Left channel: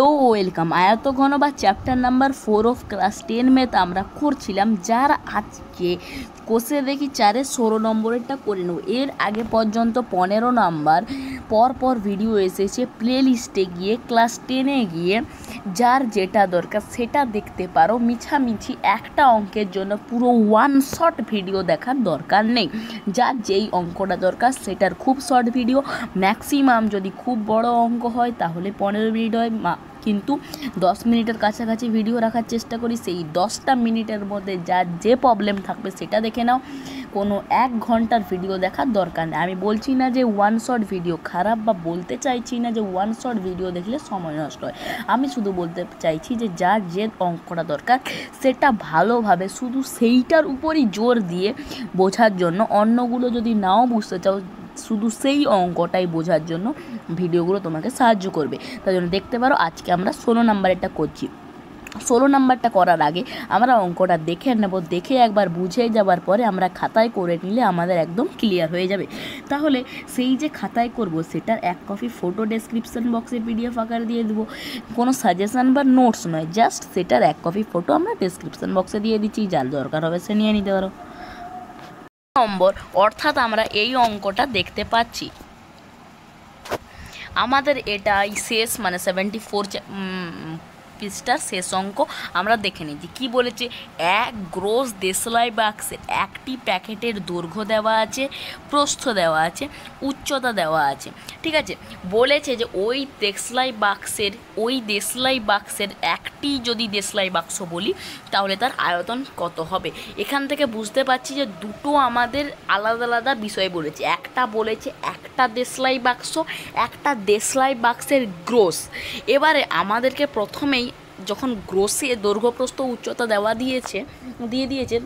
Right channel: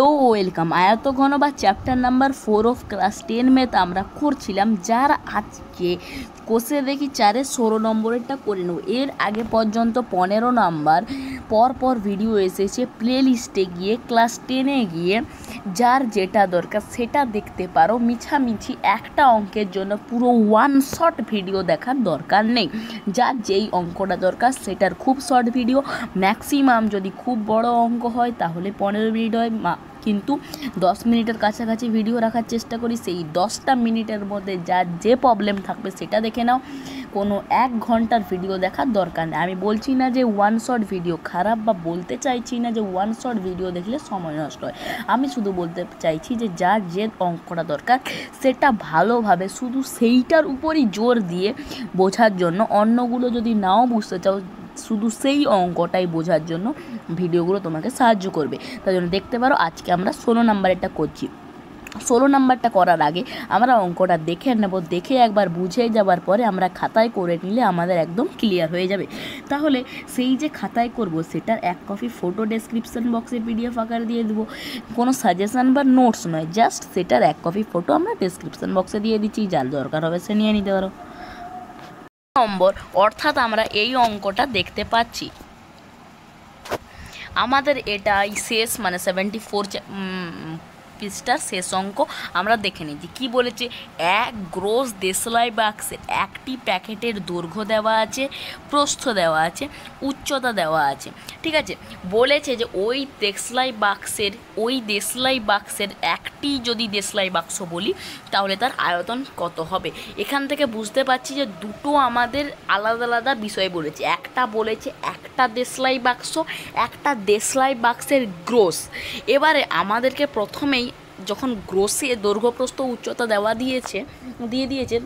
Hello welcome आयतघन बा chapter number 4 of class 10 में तो আমরা করছিলাম যার আজকে কোষে দেখি 4 16 নম্বরেরটা করে নেব। এর আগে পর্যন্ত 15 নাম্বার পর ভিডিও এসেছে প্লেলিস্টে গিয়ে ক্লাস 10 এ গিয়ে যার যেটা দরকার সেটা দেখতে পারো। মিছামিছি একটা অঙ্কের জন্য পুরো ওয়ান শট ভিডিও দেখার দরকার নেই। যার যেই অঙ্কটা দরকার সেটার খুব শর্ট ভিডিও, ম্যাক্সিমাম যদি খুব বড় অঙ্ক হয় তাহলে 15 মিনিট হয়, কিন্তু 10 মিনিটের কাছাকাছি ভিডিও রাখার চেষ্টা করি। সেই 10টা মিনিটের মধ্যে যার যে প্রবলেম থাকবে সেটা দেখে নাও। কোনো 1 ঘন্টার ভিডিও দেখার দরকার নেই। আমি বলছি না যে ওয়ান শট ভিডিও খারাপ, বা বলতে চাইছি না যে ওয়ান শট ভিডিও দেখলে সময় নষ্ট হয়। আমি শুধু বলতে চাইছি যে যার যে অঙ্কটা দরকার সেটা ভালোভাবে শুধু সেইটার উপরই জোর দিয়ে বোঝার জন্য, অন্যগুলো যদি নাও বুঝতে চাও শুধু সেই অঙ্কটাই বোঝার জন্য ভিডিওগুলো তোমাকে সাহায্য করবে। তাই জন্য দেখতে পারো আজকে আমরা 16 নাম্বারেরটা করছি। 16 নাম্বারটা করার আগে আমরা অঙ্কটা দেখে নেব, দেখে একবার বুঝে যাবার পরে আমরা খাতায় করে নিলে আমাদের একদম ক্লিয়ার হয়ে যাবে। তাহলে সেই যে খাতায় করব সেটার 1 কপি ফটো ডেসক্রিপশন বক্সে PDF আকারে দিয়ে দেবো। কোনো সাজেশন বা নোটস নয়, জাস্ট সেটার 1 কপি ফটো আমরা ডেসক্রিপশন বক্সে দিয়ে দিচ্ছি, যার দরকার হবে সে নিয়ে নিতে পারো। নম্বর অর্থাৎ আমরা এই অঙ্কটা দেখতে পাচ্ছি আমাদের এটাই শেষ, মানে 74 পৃষ্ঠার শেষ অঙ্ক আমরা দেখে নিচ্ছি। কী বলেছে, এক গ্রোস দেশলাই বাক্সের একটি প্যাকেটের দৈর্ঘ্য দেওয়া আছে, প্রস্থ দেওয়া আছে, উচ্চতা দেওয়া আছে। ঠিক আছে, বলেছে যে ওই দেশলাই বাক্সের একটি যদি দেশলাই বাক্স বলি তাহলে তার আয়তন কত হবে। এখান থেকে বুঝতে পারছি যে দুটো আমাদের আলাদা আলাদা বিষয় বলেছে। একটা বলেছে একটা দেশলাই বাক্স, একটা দেশলাই বাক্সের গ্রোস। এবারে আমাদেরকে প্রথমেই যখন গ্রোসে দৈর্ঘ্য প্রস্থ উচ্চতা দিয়ে দিয়েছে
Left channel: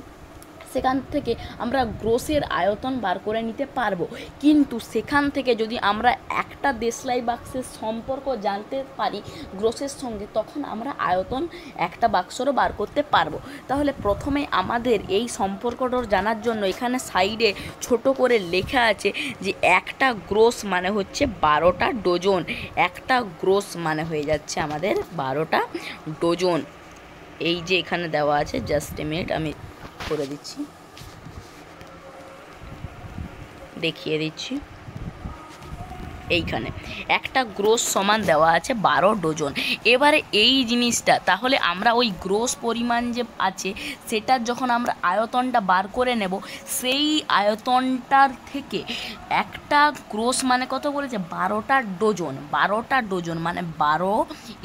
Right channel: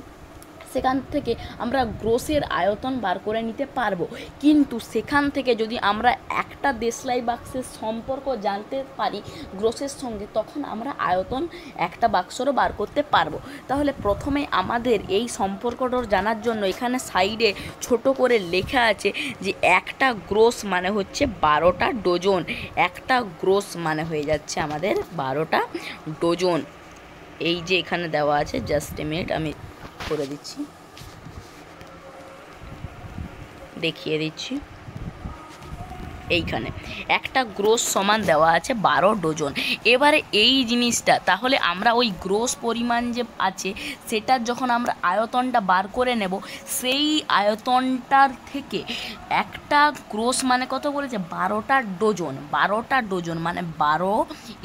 সেখান থেকে আমরা গ্রোসের আয়তন বার করে নিতে পারবো। কিন্তু সেখান থেকে যদি আমরা একটা দেশলাই বাক্সের সম্পর্ক জানতে পারি গ্রোসের সঙ্গে, তখন আমরা আয়তন একটা বাক্সরও বার করতে পারবো। তাহলে প্রথমে আমাদের এই সম্পর্কটা জানার জন্য এখানে সাইডে ছোট করে লেখা আছে যে একটা গ্রোস মানে হচ্ছে 12টা ডজন। একটা গ্রোস মানে হয়ে যাচ্ছে আমাদের 12টা ডজন। এই যে এখানে দেওয়া আছে, জাস্ট এ মিনিট আমি করে দিচ্ছি, দেখিয়ে দিচ্ছি। এইখানে একটা গ্রোস সমান দেওয়া আছে 12 ডজন। এবারে এই জিনিসটা তাহলে আমরা ওই গ্রোস পরিমাণ যে আছে সেটার যখন আমরা আয়তনটা বার করে নেব, সেই আয়তনটার থেকে একটা গ্রোস মানে কত বলেছে 12টা ডজন। 12টা ডজন মানে 12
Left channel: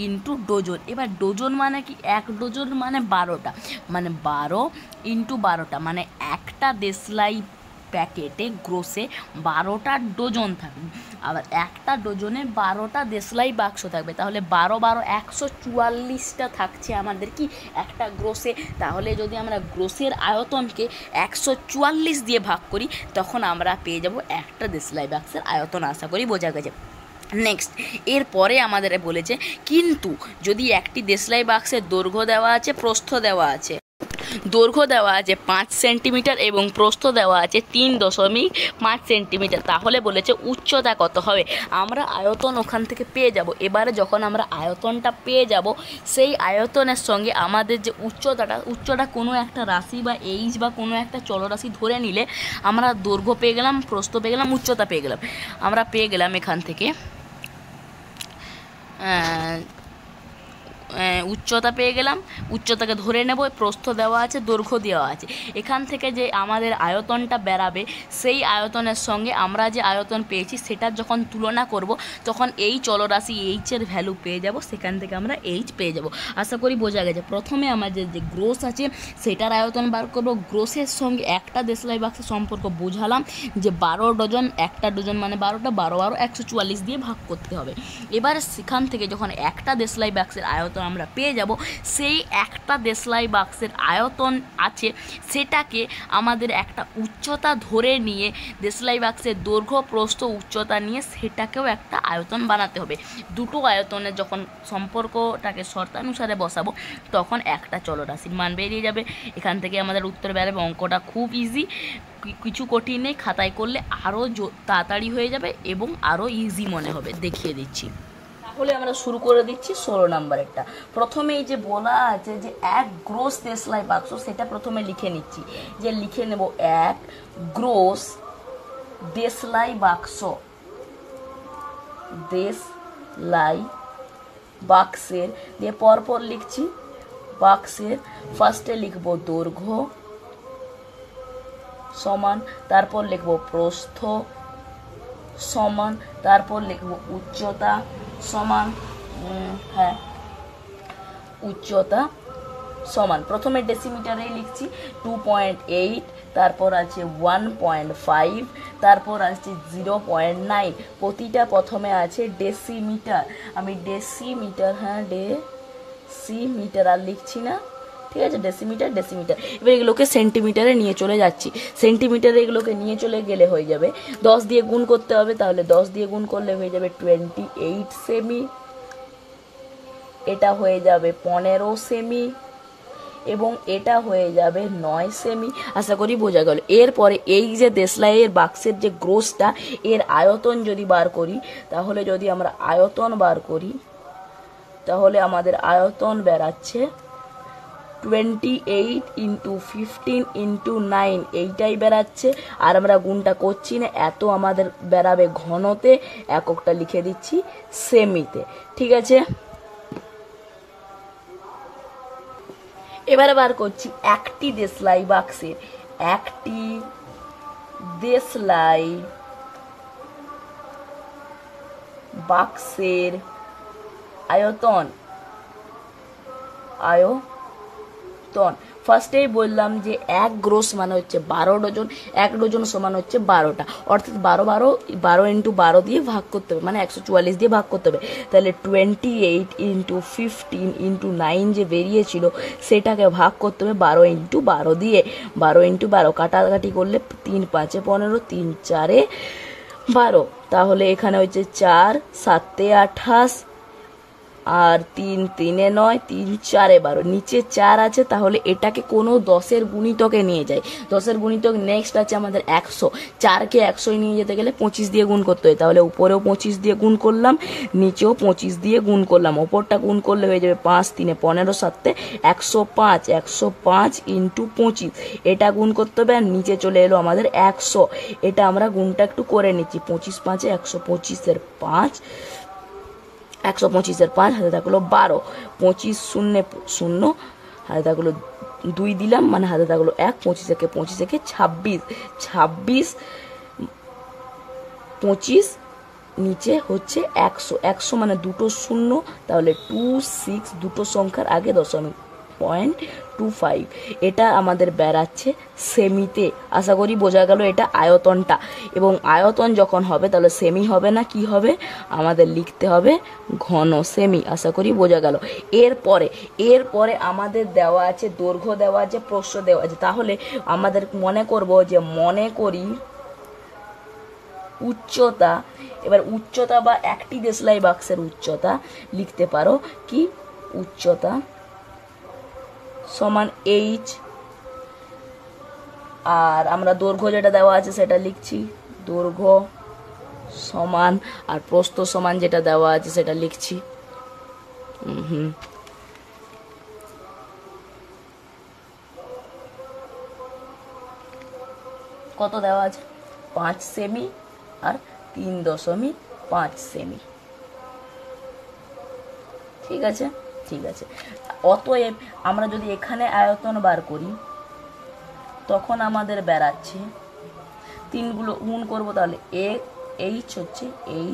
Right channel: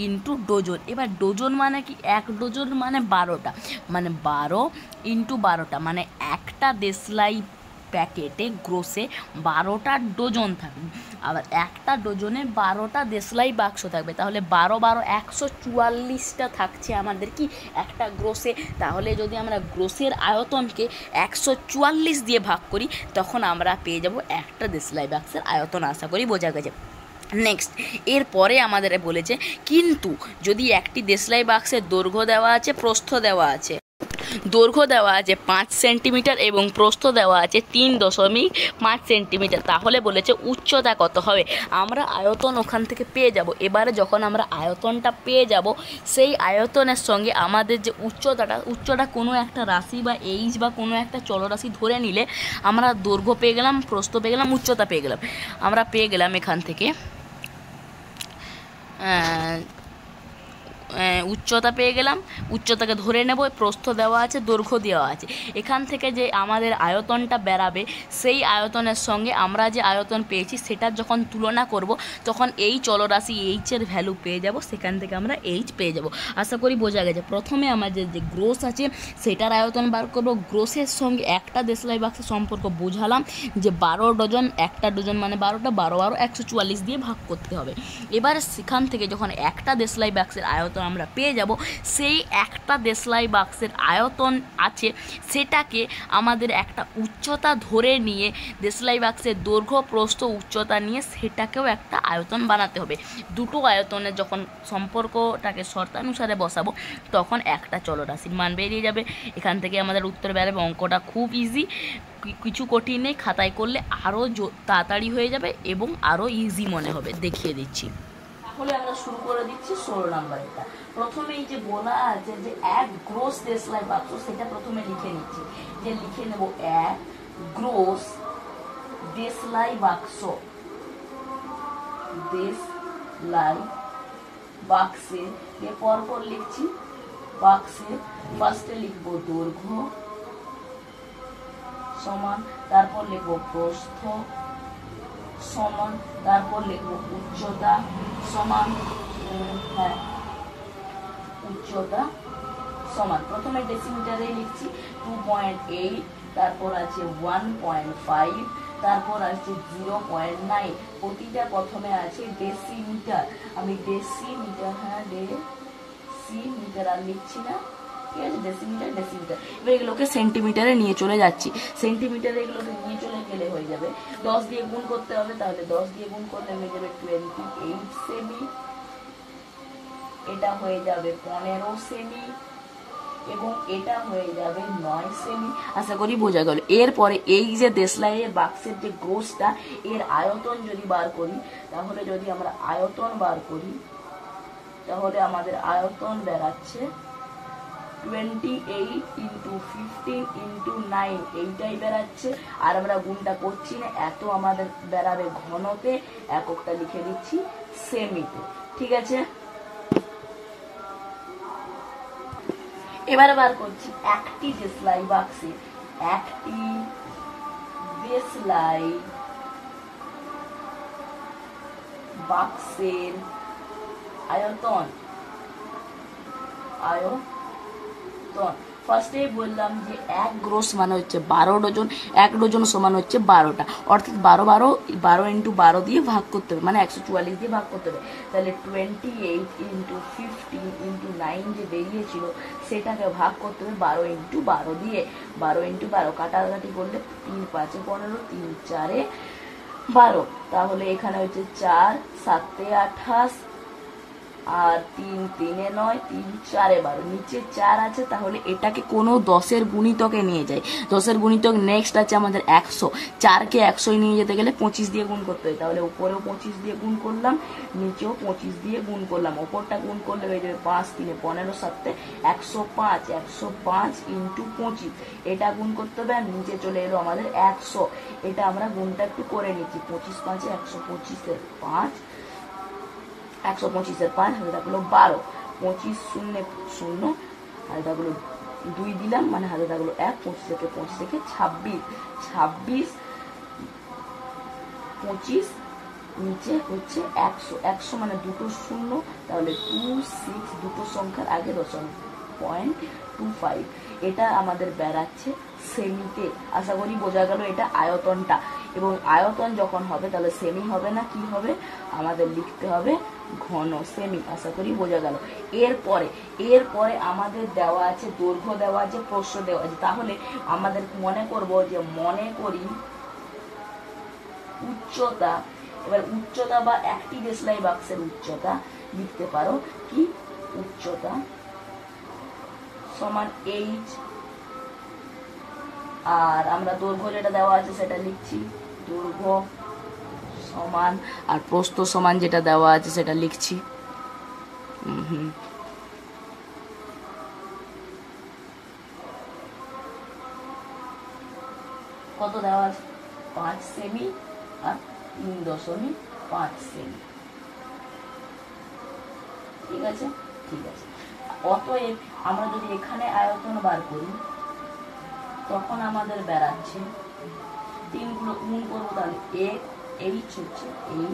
ইন্টু ডজন। এবার ডজন মানে কি, 1 ডজন মানে 12টা, মানে 12 ইন্টু 12টা মানে একটা দেশলাই প্যাকেটে গ্রোসে 12টা ডজন থাকবে। আবার একটা ডজনে 12টা দেশলাই বাক্স থাকবে। তাহলে 12 12 144টা থাকছে আমাদের কি একটা গ্রোসে। তাহলে যদি আমরা গ্রোসের আয়তনকে 144 দিয়ে ভাগ করি তখন আমরা পেয়ে যাব একটা দেশলাই বাক্সের আয়তন। আশা করি বোঝা গেছে। নেক্সট এরপরে আমাদের বলেছে কিন্তু যদি একটি দেশলাই বাক্সের দৈর্ঘ্য দেওয়া আছে, প্রস্থ দেওয়া আছে, দৈর্ঘ্য দেওয়া আছে 5 সেন্টিমিটার এবং প্রস্থ দেওয়া আছে 3.5 সেন্টিমিটার, তাহলে বলেছে উচ্চতা কত হবে। আমরা আয়তন ওখান থেকে পেয়ে যাব। এবারে যখন আমরা আয়তনটা পেয়ে যাব, সেই আয়তনের সঙ্গে আমাদের যে উচ্চতা কোনো একটা রাশি বা এইচ বা কোনো একটা চলরাশি ধরে নিলে আমরা দৈর্ঘ্য পেয়ে গেলাম, প্রস্থ পেয়ে গেলাম, উচ্চতা পেয়ে গেলাম। আমরা পেয়ে গেলাম এখান থেকে উচ্চতা পেয়ে গেলাম, উচ্চতাকে ধরে নেব, প্রস্থ দেওয়া আছে, দৈর্ঘ্য দেওয়া আছে। এখান থেকে যে আমাদের আয়তনটা বেরাবে সেই আয়তনের সঙ্গে আমরা যে আয়তন পেয়েছি সেটার যখন তুলনা করব তখন এই চলরাশি এইচের ভ্যালু পেয়ে যাব, সেখান থেকে আমরা এইচ পেয়ে যাব। আশা করি বোঝা গেছে। প্রথমে আমাদের যে গ্রোস আছে সেটার আয়তন বার করব, গ্রোসের সঙ্গে একটা দেশলাই বাক্সের সম্পর্ক বোঝালাম যে 12 ডজন, একটা ডজন মানে 12টা, 12 12 144 দিয়ে ভাগ করতে হবে। এবারে সেখান থেকে যখন একটা দেশলাই বাক্সের আয়তন আমরা পেয়ে যাব, সেই একটা দেশলাই বাক্সের আয়তন আছে সেটাকে আমাদের একটা উচ্চতা ধরে নিয়ে দেশলাই বাক্সের দৈর্ঘ্য প্রস্থ উচ্চতা নিয়ে সেটাকেও একটা আয়তন বানাতে হবে। দুটো আয়তনের যখন সম্পর্কটাকে শর্তানুসারে বসাবো তখন একটা চলরাশির মান বেরিয়ে যাবে। এখান থেকে আমাদের উত্তর বেরোবে। অঙ্কটা খুব ইজি, কিছু কঠিন নেই। খাতায় করলে আরও তাড়াতাড়ি হয়ে যাবে এবং আরও ইজি মনে হবে। দেখিয়ে দিচ্ছি। তাহলে আমরা শুরু করে দিচ্ছি 16 নাম্বারেরটা। প্রথমে এই যে বলা আছে যে এক গ্রোস দেশলাই বাক্স, সেটা প্রথমে লিখে নিচ্ছি, যে লিখে নেব এক গ্রোস দেশলাই বাক্স, দেশলাই বাক্সের দিয়ে পরপর লিখছি, বাক্সের ফার্স্টে লিখব দৈর্ঘ্য সমান, তারপর লিখব প্রস্থ সমান, তারপর লিখব উচ্চতা সমান, উচ্চতা সমান। প্রথমে ডেসিমিটারে লিখছি 2.8, তারপর আছে 1.5, তারপর আছে 0.9। প্রতিটা প্রথমে আছে ডেসিমিটার, আমি ডেসিমিটার, ডেসিমিটার আর লিখছি না, ঠিক আছে, ডেসিমিটার ডেসিমিটার। এবার এগুলোকে সেন্টিমিটারে নিয়ে চলে যাচ্ছি, সেন্টিমিটারে এগুলোকে নিয়ে চলে গেলে হয়ে যাবে 10 দিয়ে গুণ করতে হবে, তাহলে 10 দিয়ে গুণ করলে হয়ে যাবে 28 সেমি, এটা হয়ে যাবে 15 সেমি, এবং এটা হয়ে যাবে 9 সেমি। আশা করি বোঝা গেল। এরপরে এই যে দেশলাইয়ের বাক্সের যে গ্রোসটা, এর আয়তন যদি বার করি, তাহলে যদি আমরা আয়তন বার করি, তাহলে আমাদের আয়তন বেরাচ্ছে 28 × 15 × 9, এইটাই বেরাচ্ছে। আর আমরা গুণটা করছি না, এত আমাদের বেরাবে ঘনতে, এককটা লিখে দিচ্ছি সেমিতে, ঠিক আছে। এবারে বার করছি একটি দেশলাই বাক্সের, একটি দেশলাই বাক্সের আয়তন, আয়তন ফার্স্টেই বললাম যে এক গ্রোস মানে হচ্ছে 12 ডজন, এক ডজন সমান হচ্ছে 12টা, অর্থাৎ 12 × 12 দিয়ে ভাগ করতে হবে, মানে 144 দিয়ে ভাগ করতে হবে। তাহলে 28 × 15 × 9 যে বেরিয়েছিল, সেটাকে ভাগ করতে হবে 12 × 12 দিয়ে। 12 × 12 কাটাকাটি করলে 3 × 5 = 15, 3 × 4 = 12, তাহলে এখানে হচ্ছে 4 × 7 = 28, আর 3 × 3 = 9, 3 × 4 = 12, নিচে 4 আছে, তাহলে এটাকে কোনো 10-এর গুণিতকে নিয়ে যাই। 10-এর গুণিতক নেক্সট আছে আমাদের 100, 4কে 100 নিয়ে যেতে গেলে 25 দিয়ে গুণ করতে হয়, তাহলে উপরেও 25 দিয়ে গুণ করলাম, নিচেও 25 দিয়ে গুণ করলাম, ওপরটা গুণ করলে হয়ে যাবে 5 × 3 = 15, 7 = 105, 105 × 25, এটা গুণ করতে হবে, আর নিচে চলে এলো আমাদের 100, এটা আমরা গুণটা একটু করে নিচ্ছি, 25 × 5 = 125, 5 125 5 হাতে থাকলো 12, 25 0 0 হাতে থাকলো 2 দিলাম, মানে হাতে থাকলো 1, 25 একে 26, 26 25 নিচে হচ্ছে 100, 100 মানে দুটো শূন্য, তাহলে 26, দুটো সংখ্যার আগে দশমিক, 0.25, এটা আমাদের বেরাচ্ছে সেমিতে। আশা করি বোঝা গেল এটা আয়তনটা। এবং আয়তন যখন হবে, তাহলে সেমি হবে না, কি হবে, আমাদের লিখতে হবে ঘন সেমি। আশা করি বোঝা গেল। এরপরে আমাদের দেওয়া আছে দৈর্ঘ্য, দেওয়া আছে প্রস্থ, দেওয়া আছে। তাহলে আমাদের মনে করি উচ্চতা। এবার উচ্চতা বা একটি দেশলাই বাক্সের উচ্চতা লিখতে পারো কি, উচ্চতা সমান h, আর আমরা দৈর্ঘ্য যেটা দেওয়া আছে সেটা লিখছি, দৈর্ঘ্য সমান, আর প্রস্থ সমান যেটা দেওয়া আছে সেটা লিখছি। কত দেওয়া আছে, 5 সেমি আর 3.5 সেমি, ঠিক আছে। অতএব আমরা যদি এখানে আয়তন বার করি, তখন আমাদের বেরাচ্ছে, 3 গুলো গুণ করবো, তাহলে h হচ্ছে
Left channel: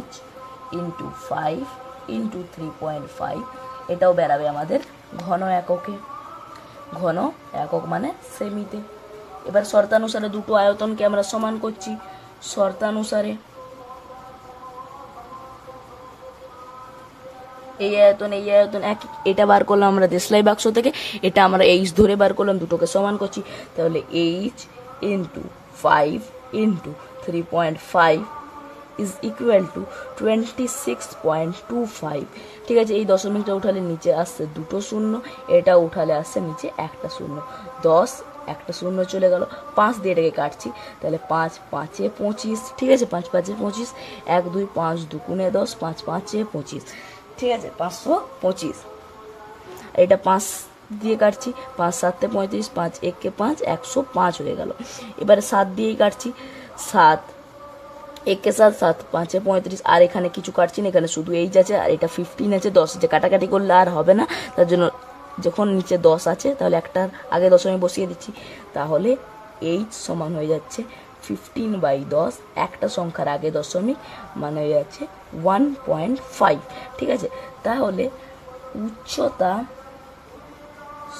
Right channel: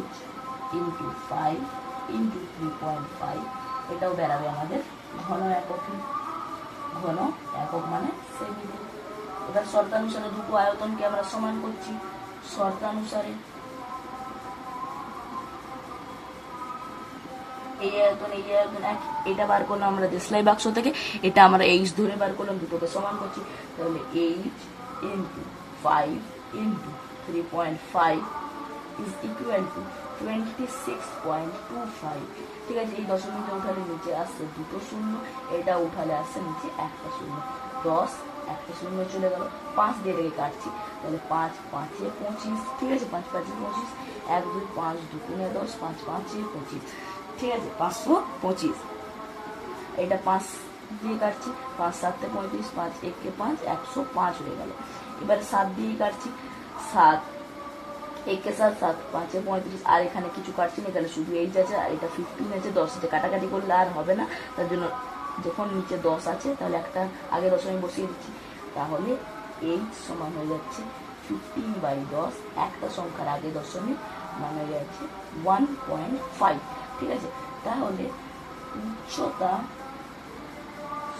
h × 5 × 3.5, এটাও বেরাবে আমাদের ঘন এককে, ঘন একক মানে সেমিতে। এবার শর্তানুসারে দুটো আয়তনকে আমরা সমান করছি, শর্তানুসারে এই আয়তন এক, এটা বার করলাম আমরা দেশলাই বাক্স থেকে, এটা আমরা h ধরে বার করলাম, দুটোকে সমান করছি, তাহলে h × 5 × 3.5 = 26.25, ঠিক আছে। এই দশমিকটা উঠালে নিচে আসছে দুটো শূন্য, এটা উঠালে আসছে নিচে একটা শূন্য, 10, একটা শূন্য চলে গেল, 5 দিয়ে এটাকে কাটছি, তাহলে 5 × 5 = 25, ঠিক আছে, 5 × 5 = 25, 1 2 5 2 × 10, 5 × 5 = 25, ঠিক আছে, 525। এটা 5 দিয়ে কাটছি, 5 7 35, 5 1 5, 105 হয়ে গেল। এবারে 7 দিয়েই কাটছি, 7 1 7 7 5 35, আর এখানে কিছু কাটছি না, এখানে শুধু এইচ আছে আর এটা 15 আছে, 10 আছে, কাটাকাটি করলে আর হবে না, তার জন্য যখন নিচে 10 আছে তাহলে একটা আগে দশমিক বসিয়ে দিচ্ছি, তাহলে এইচ সমান হয়ে যাচ্ছে 15/10, একটা সংখ্যার আগে দশমিক মানে হয়ে যাচ্ছে 1.5। ঠিক আছে, তাহলে উচ্চতা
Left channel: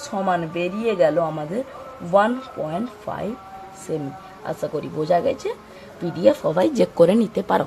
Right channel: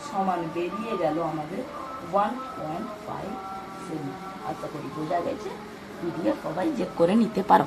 সমান বেরিয়ে গেল আমাদের 1.5 সেমি। আশা করি বোঝা গেছে। পিডিএফ সবাই চেক করে নিতে পারো।